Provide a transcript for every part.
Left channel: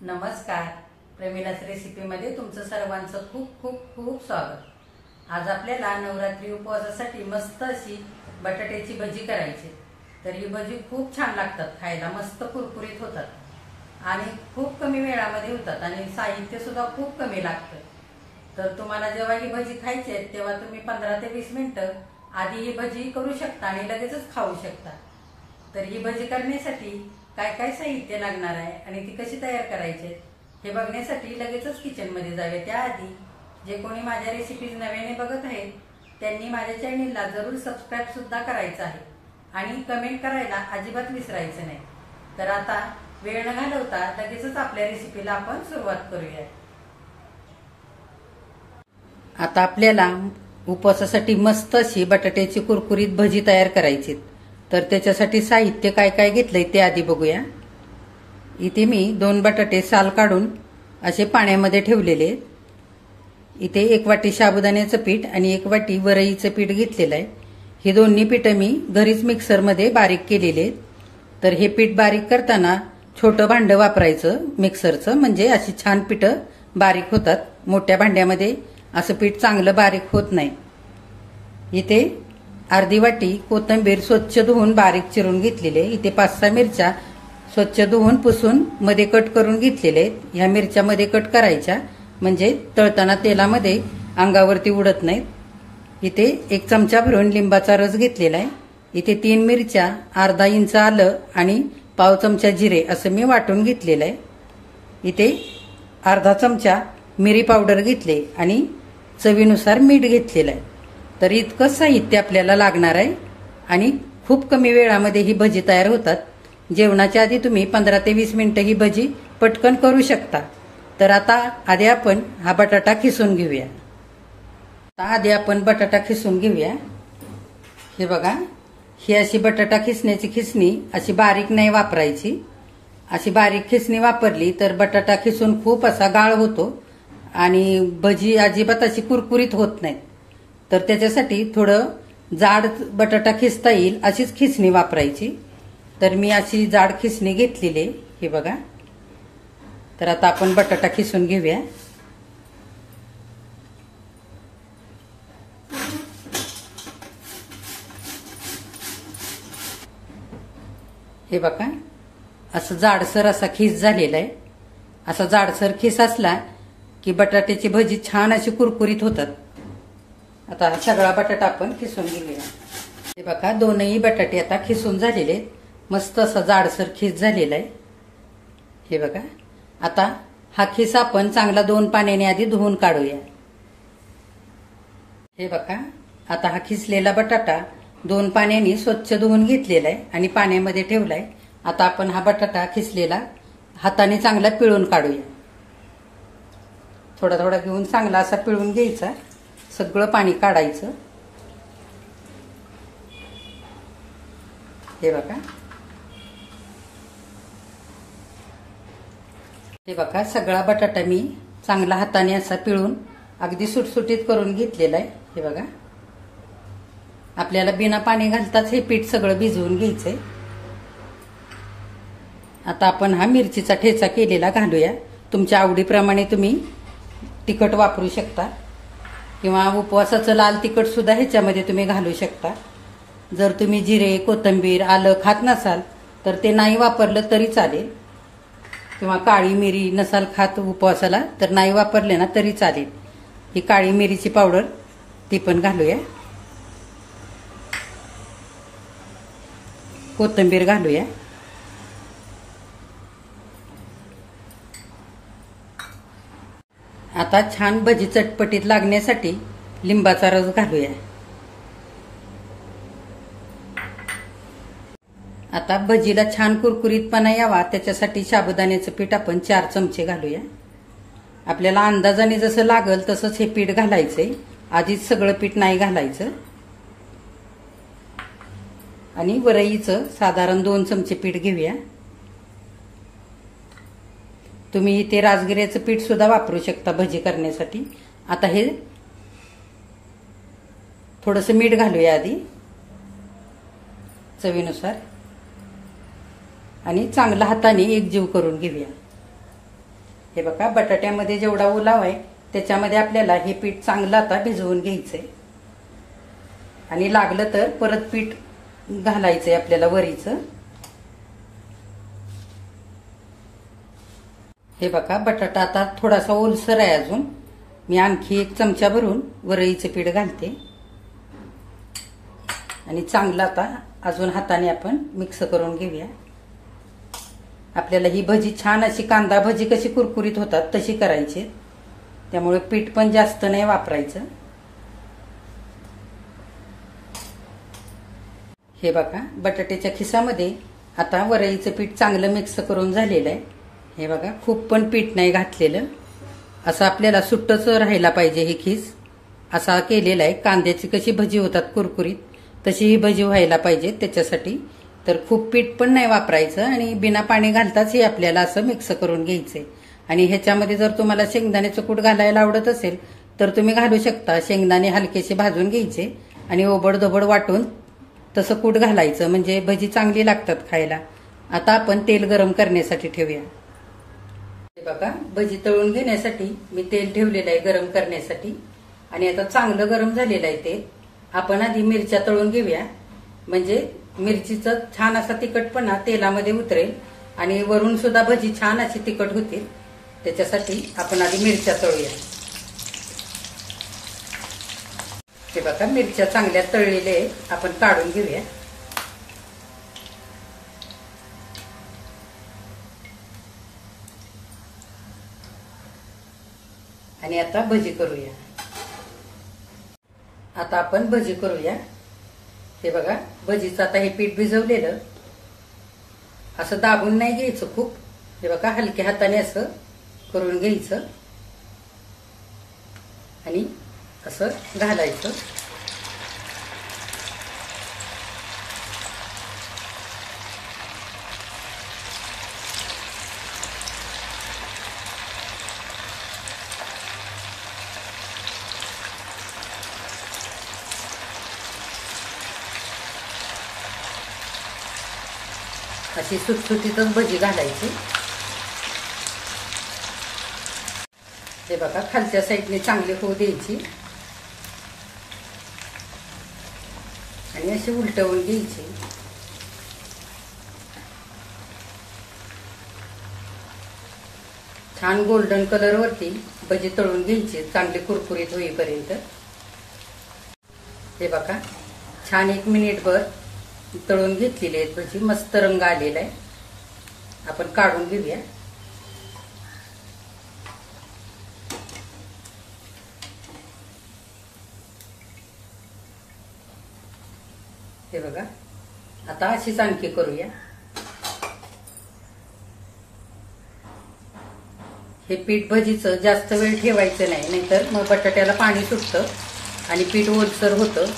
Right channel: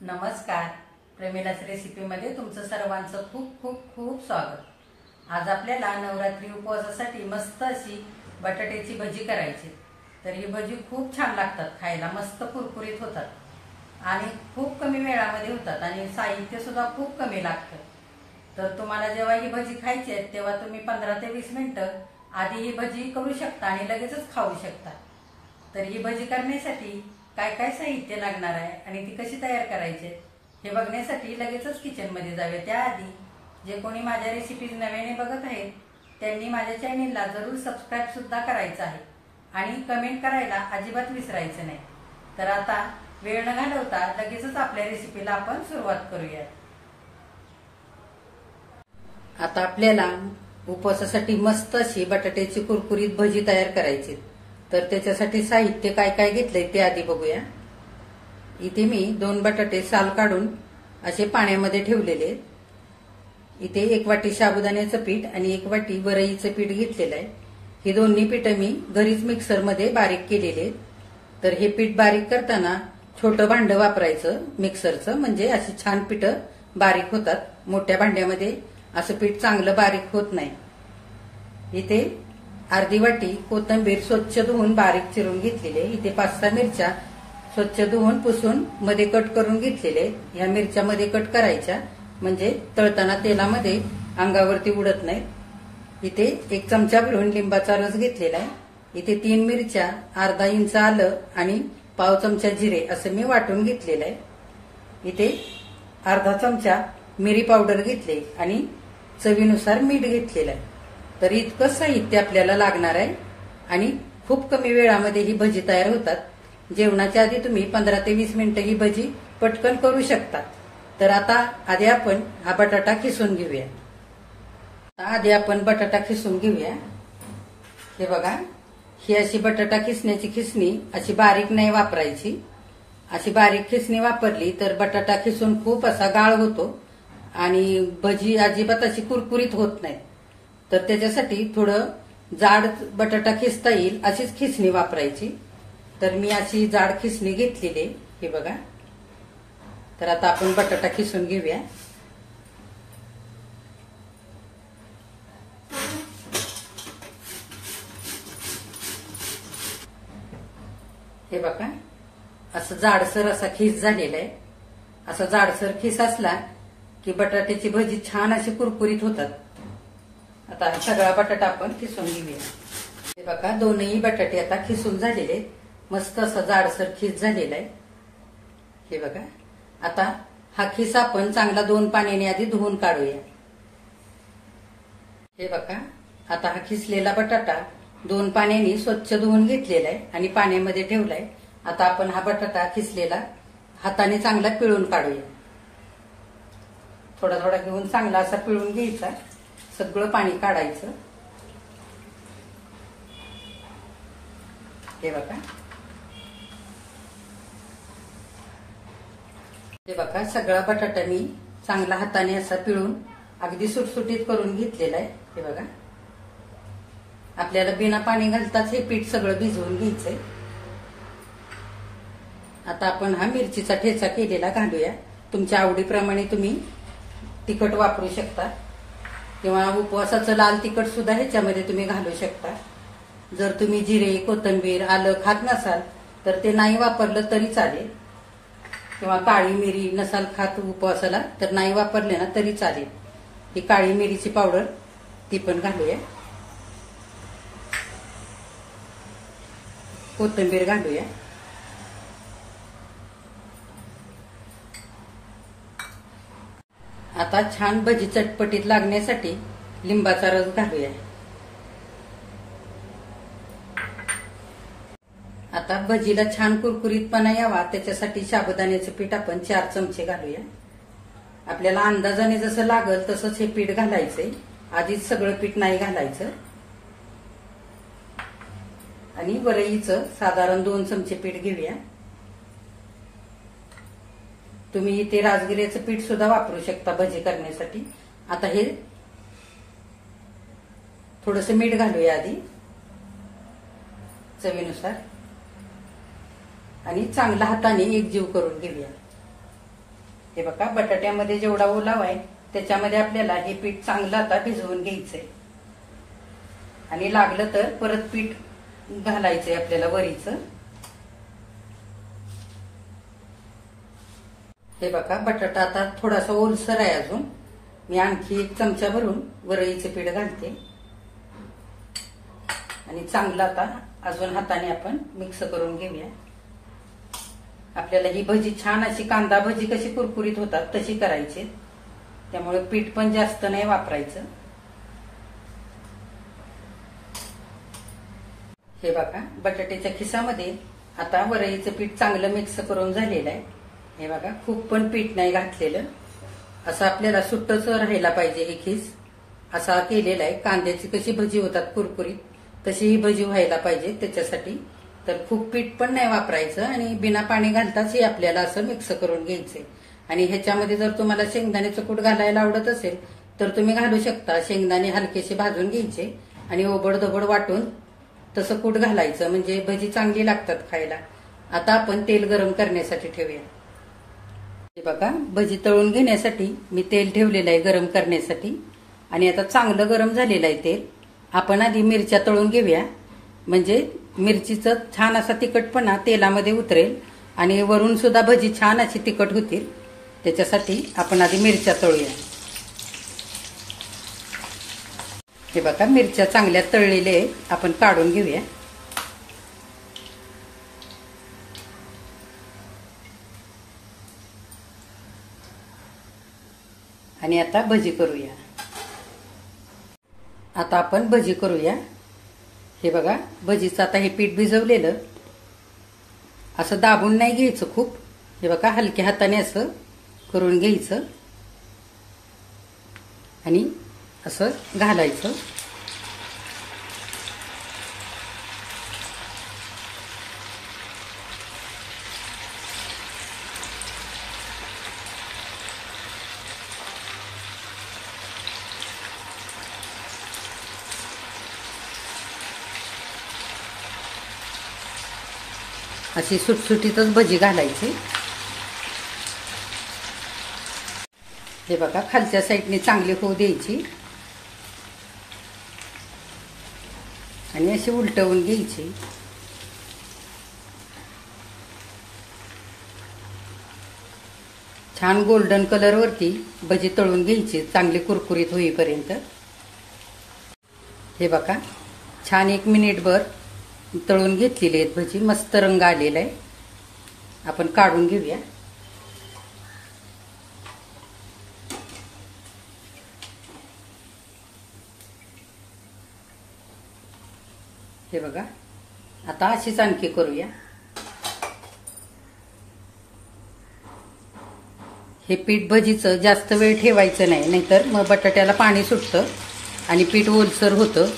नमस्कार. प्रेमिलाच रेसिपीमध्ये तुमचं सर्वांचं खूप खूप खूप स्वागत. आज आपल्याला नवरात्री उपवासासाठी मस्त अशी बटाट्याची भजी करायची. तर ही भजी खूप छान लागतात, खायला मस्त कुरकुरीत होतात आणि खूप कमी वेळामध्ये होतात आणि साहित्य सुद्धा खूप कमी लागतं. तर तुम्हाला जेव्हा ही भजी खायची आहे तेव्हा तुम्ही 15 ते 20 मिनिटं आधी ही भजी करू शकता आणि लगेचच खाऊ शकता. तर ही भजी करण्यासाठी काय काय साहित्य लागणार आहे आणि ती कशी तयार करायची हे बघण्यासाठी लगेचच किचनमध्ये जावे. त्याआधी जे कोणी माझ्या रेसिपीज नव्याने बघत आहेत त्यांनी माझ्या चॅनेलला जरूर सबस्क्राईब सुद्धा करायचं आहे आणि कमेंट करायला अजिबात विसरायचं नाही. तर आता वेळ न घालवता लगेचच आपल्या रेसिपीला आपण सुरुवात करूया. आता आपल्याला उपवासासाठी मस्त अशी बटाट्याची कुरकुरीत भजी तयार करायची. तर त्याच्यासाठी साहित्य काय काय घेतलंय ते आधी बघूया. इथे मी 2 बटाटे साल काढून असे पाण्यामध्ये ठेवलेले. इथे 1 वाटी साबुदाण्याचं पीठ आणि 1 वाटी वरईचं पीठ घेतलेलं आहे. ही दोन्ही पीठं मी घरीच मिक्सरमध्ये बारीक केलेले. तर हे पीठ बारीक करताना छोटं भांडं वापरायचं मिक्सरचं, म्हणजे अशी छान पिठं बारीक होतात. मोठ्या भांड्यामध्ये असं पीठ चांगलं बारीक होत नाही. इथे अर्धी वाटी कोथिंबीर स्वच्छ धुवून बारीक चिरून घेतलेले. इथे 5-6 मिरच्या स्वच्छ धुवून पुसून मध्ये कट करून घेतलेले. ह्या मिरच्या मध्ये कट करायच्या म्हणजे तळताना तेलामध्ये अंगावरती उडत नाहीत. इथे 1 चमचा भरून लिंबाचा रस घेतलेला आहे. इथे 3 मिरच्या, अर्धा इंच आलं आणि पाव चमचा जिरे असं मी वाटून घेतलेलं आहे. इथे अर्धा चमचा मिरी पावडर घेतले आणि चवीनुसार मीठ घेतलेलं आहे. तर इतकं साहित्य आपल्याला लागणार आहे आणि खूप कमी वेळामध्ये ही भजी तयार होतात. जेवणाच्या आधी तुम्ही 15 ते 20 मिनिटं ही भजी पटकन करू शकता. तर आता आधी आपण हा बटाटा खिसून घेऊया. आधी आपण बटाटा खिसून घेऊया. हे बघा, ही अशी बटाटा खिसण्याची खिसणी अशी बारीक नाही वापरायची. अशी बारीक खिसणी वापरली तर बटाटा खिसून खूप असा गाळ होतो आणि भजी अजिबात अशी कुरकुरीत होत नाही. तर त्याच्यासाठी थोडं जाड बटाटा खिसता येईल अशीच खिसणी वापरायची. तर मी अशी जाड खिसणी घेतलेली. हे बघा. तर आता आपण बटाटा खिसून घेऊया. हे बघा, असं जाडसर असा खिस झालेला आहे. असा जाडसर खिस असला की बटाट्याची भजी छान अशी कुरकुरीत होतात. आता सगळा बटाटा आपण खिसून घेऊया. हे बघा, दोनही बटाटे आता खिसून झालेले. मस्त असं जाडसर खिस झालेला आहे. हे बघा. आता हा खिस आपण चांगला 2 पाण्याने आधी धुवून काढूया. हे बघा, आता हा खिसलेला बटाटा 2 पाण्याने स्वच्छ धुवून घेतलेला आहे आणि पाण्यामध्ये ठेवलाय. आता आपण हा बटाटा खिसलेला हाताने चांगला पिळून काढूया. थोडा थोडा घेऊन चांगला असा पिळून घ्यायचा. सगळं पाणी काढायचं. हे बघा. हे बघा, सगळा बटाटा मी चांगला हाताने असा पिळून अगदी सुटसुटीत करून घेतलेला आहे. हे बघा, आपल्याला बिना पाणी घालताच हे पीठ सगळं भिजवून घ्यायचंय. आता आपण हा मिरचीचा ठेचा केलेला घालूया. तुमच्या आवडीप्रमाणे तुम्ही तिखट वापरू शकता किंवा उपवासाचं लाल तिखट सुद्धा ह्याच्यामध्ये तुम्ही घालू शकता. जर तुम्ही जिरे, कोथिंबीर, आलं खात नसाल तर ते नाही वापरलं तरी चालेल, किंवा काळी मिरी नसाल खात उपवासाला तर नाही वापरले ना तरी चालेल. ही काळी मिरीची पावडर ती पण घालूया. कोथिंबीर घालूया. आता छान भजी चटपटीत लागण्यासाठी लिंबाचा रस घालूया. आता भजीला छान कुरकुरीतपणा यावा त्याच्यासाठी साबुदाण्याचं पीठ आपण 4 चमचे घालूया. आपल्याला अंदाजाने जसं लागल तसंच हे पीठ घालायचंय. आधीच सगळं पीठ नाही घालायचं. आणि वरईचं साधारण 2 चमचे पीठ घेऊया. तुम्ही इथे राजगिऱ्याचं पीठ सुद्धा वापरू शकता भजी करण्यासाठी. आता हे थोडंसं मीठ घालूया आधी चवीनुसार आणि चांगला हाताने एकजीव करून घेऊया. हे बघा, बटाट्यामध्ये जेवढा ओलावा आहे त्याच्यामध्ये आपल्याला हे पीठ चांगलं आता भिजवून घ्यायचंय आणि लागलं तर परत पीठ घालायचंय आपल्याला वरीचं. हे बघा, बटाटा आता थोडासा ओलसर आहे अजून. मी आणखी 1 चमचा भरून वरईचे पीठ घालते आणि चांगलं आता अजून हाताने आपण मिक्स करून घेऊया. आपल्याला ही भजी छान अशी कांदा भजी कशी कुरकुरीत होतात तशी करायची, त्यामुळे पीठ पण जास्त नाही वापरायचं. हे बघा, बटाट्याच्या खिसामध्ये आता वरईचं पीठ चांगलं मिक्स करून झालेलं आहे. हे बघा, खूप पण पीठ नाही घातलेलं, असं आपल्याला सुट्टच राहायला पाहिजे. ही खिस असा केलेला आहे. कांद्याची कशी भजी होतात कुरकुरीत तशी ही भजी व्हायला पाहिजे. त्याच्यासाठी तर खूप पीठ पण नाही वापरायचं आणि बिना पाणी घालताच हे आपल्याला असं मिक्स करून घ्यायचंय. आणि ह्याच्यामध्ये जर तुम्हाला शेंगदाण्याचं कूट घालायला आवडत असेल तर तुम्ही घालू शकता. शेंगदाणे हलकेसे भाजून घ्यायचे आणि ओबडधोबड वाटून तसं कूट घालायचं, म्हणजे भजी चांगली लागतात खायला. आता आपण तेल गरम करण्यासाठी ठेवूया. हे बघा, भजी तळून घेण्यासाठी मी तेल ठेवलेलं आहे गरम करण्यासाठी आणि आता चांगलं गरम झालेलं आहे तेल. आपण आधी मिरच्या तळून घेऊया, म्हणजे मिरचीचं छान असा तिखटपणा तेलामध्ये उतरेल आणि वरून सुद्धा भजी छान अशी तिखट होतील. त्याच्यासाठी आपण आधी मिरच्या तळूया. हे बघा, मिरच्या चांगल्या तळलेल्या आहेत, आपण काढून घेऊया. आणि आता भजी करूया. आता आपण भजी करूया. हे बघा, भजीचं आता हे पीठ भिजवलेलं असं दाबून नाही घ्यायचं खूप. हे बघा, हलक्या हाताने असं करून घ्यायचं आणि असं घालायचं. अशी सुटसुटीतच भजी घालायची. हे बघा, खालच्या साईडने चांगली होऊ द्यायची आणि अशी उलटवून घ्यायची. छान गोल्डन कलर वरती भजी तळून घ्यायची, चांगली कुरकुरीत होईपर्यंत. हे बघा, छान 1 मिनिटभर तळून घेतलेली आहेत भजी. मस्त रंग आलेला आहे. आपण काढून घेऊया. हे बघा, आता अशीच आणखी करूया. हे पीठ भजीचं जास्त वेळ ठेवायचं नाही, नाहीतर मग बटाट्याला पाणी सुटतं आणि पीठ ओलसर होतं.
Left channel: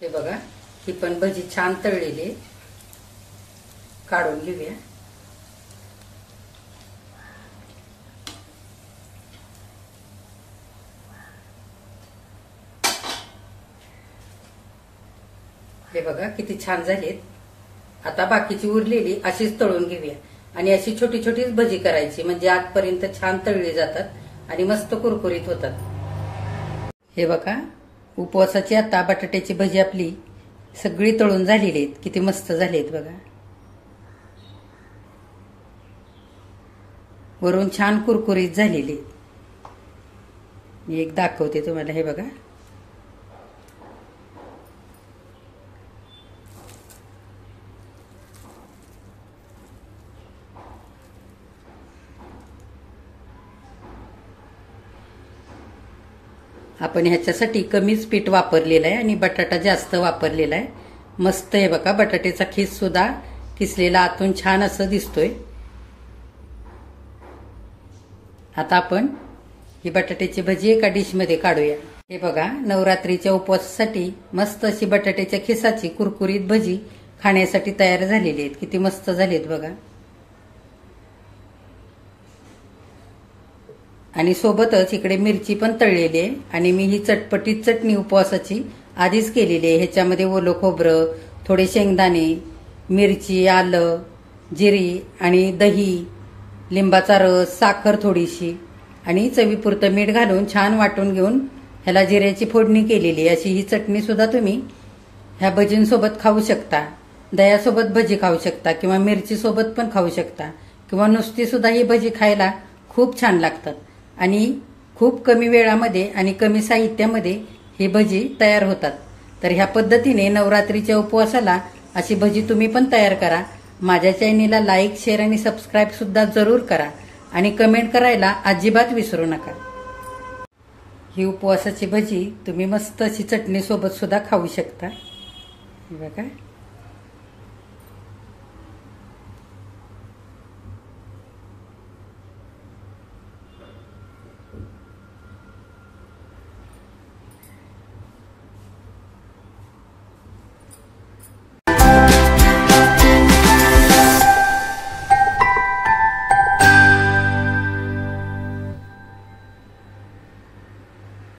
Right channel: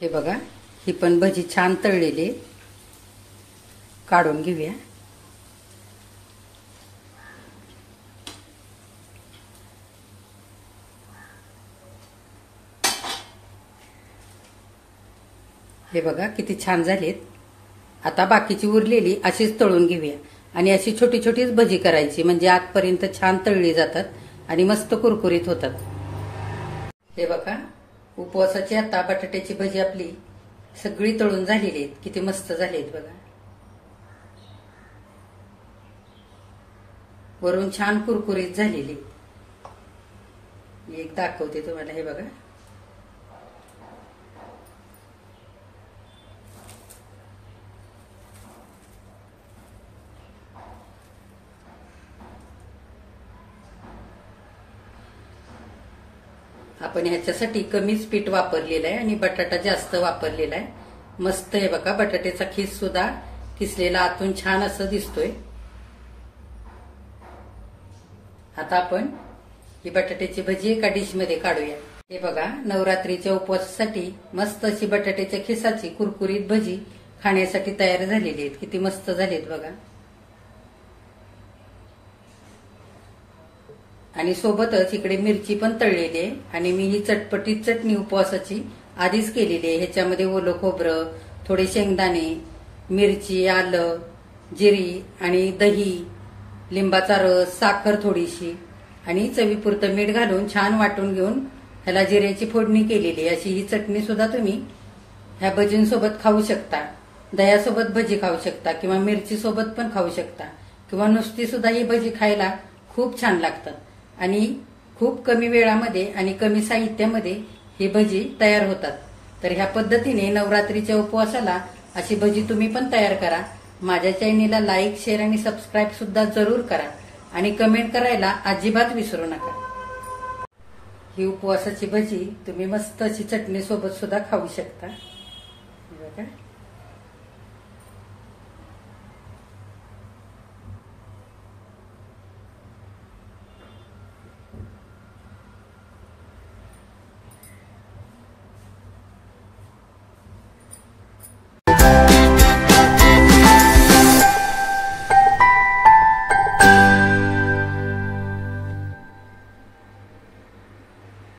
हे बघा, ही पण भजी छान तळलेली, काढून घेऊया. हे बघा, किती छान झालीत. आता बाकीची उरलेली अशीच तळून घेऊया आणि अशी छोटी छोटीच भजी करायची, म्हणजे आतपर्यंत छान तळली जातात आणि मस्त कुरकुरीत होतात. हे बघा, उपवासाची आता बटाट्याची भजी आपली सगळी तळून झालेली आहेत. किती मस्त झालीत बघा. वरून छान कुरकुरीत झालेली. मी एक दाखवते तुम्हाला. हे बघा, आपण ह्याच्यासाठी कमीच पीठ वापरलेलं आहे आणि बटाटा जास्त वापरलेला आहे. मस्त आहे बघा, बटाट्याचा खीस सुद्धा किसलेला आतून छान असं दिसतोय. आता आपण ही बटाट्याची भजी एका डिश मध्ये काढूया. हे बघा, नवरात्रीच्या उपवासासाठी मस्त अशी बटाट्याच्या खिसाची कुरकुरीत भजी खाण्यासाठी तयार झालेली आहेत. किती मस्त झालीत बघा. आणि सोबतच इकडे मिरची पण तळलेली आहे आणि मी ही चटपटीत चटणी उपवासाची आधीच केलेली आहे. ह्याच्यामध्ये ओलं खोबरं, थोडे शेंगदाणे मिरची, आलं, जिरी आणि दही, लिंबाचा रस, साखर थोडीशी आणि चवीपुरतं मीठ घालून छान वाटून घेऊन ह्याला जिऱ्याची फोडणी केलेली अशी ही चटणी सुद्धा तुम्ही ह्या भजींसोबत खाऊ शकता. दह्यासोबत भजी खाऊ शकता किंवा मिरची सोबत पण खाऊ शकता किंवा नुसती सुद्धा ही भजी खायला खूप छान लागतात आणि खूप कमी वेळामध्ये आणि कमी साहित्यामध्ये ही भजी तयार होतात. तर ह्या पद्धतीने नवरात्रीच्या उपवासाला अशी भजी तुम्ही पण तयार करा. माझ्या चॅनेलला लाईक, शेअर आणि सबस्क्राईब सुद्धा जरूर करा आणि कमेंट करायला अजिबात विसरू नका. ही उपवासाची भजी तुम्ही मस्त अशी चटणी सोबत सुद्धा खाऊ शकता. बघा.